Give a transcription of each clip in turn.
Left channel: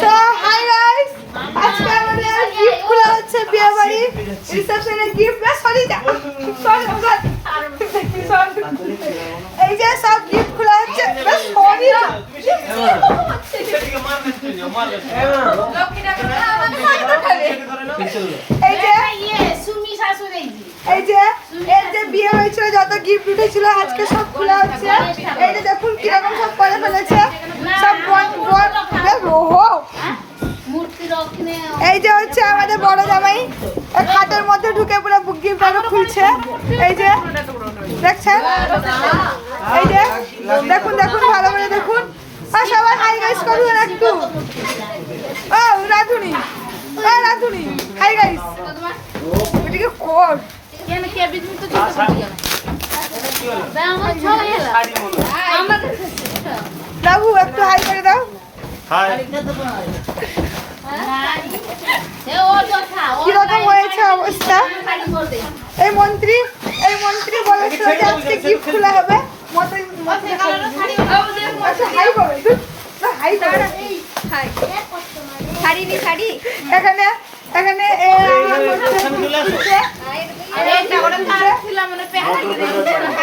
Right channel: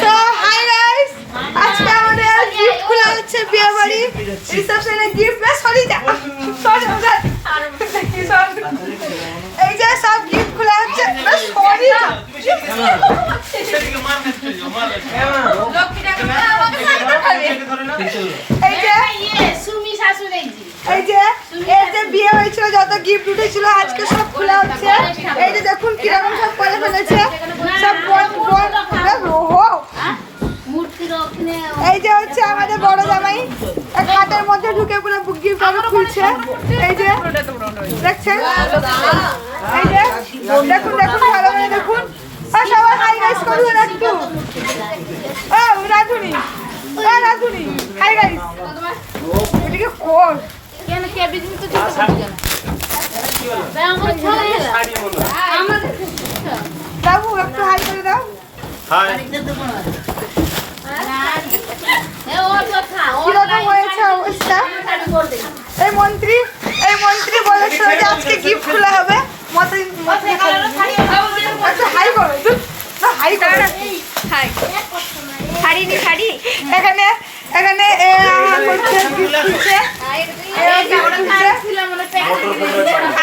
So hi guys, আজকে আমাদের gift খোলা হচ্ছে বিয়ে বাড়ি রিসেপশনে গিফট সরি এই যে সব গিফট খোলা হচ্ছে সরি এই যে এই যে এর যে বিয়ে হয়েছিল যত গিফট উঠেছিল আজকে সব খোলা হচ্ছে। এই যে দেখুন কিরকম সব করে ফেলেছে সব এই যে হচ্ছে আমাদের বড় জামাই খাটের মধ্যে ঢুকে পুরো গিফট আরো খুলছে। এই যে দেখছেন, এই যে দেখুন দেখুন ভালো করে দেখুন। আর সবাই হাই গাইস করুন একটু। ও রাধুনি, ও রাধুনি হাই গাইস। এদিকে কোড কেন কে বিজমি তো দিতে পারি কেন বে আমার ছয় এলা আমাদের বাবু একটু হাই করে দাও। হাই কিরকম হয়েছে অবস্থা? এই মন্ত্রী বলেছিল যে আজকে গিফট খোলা হবে। একটু হাই করো, হাই করো, শাড়ি এখানে এখানে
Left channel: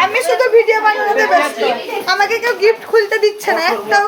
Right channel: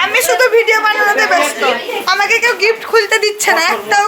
আমি শুধু ভিডিও বানানোতে ব্যস্ত, আমাকে কেউ গিফট খুলতে দিচ্ছে না একটাও।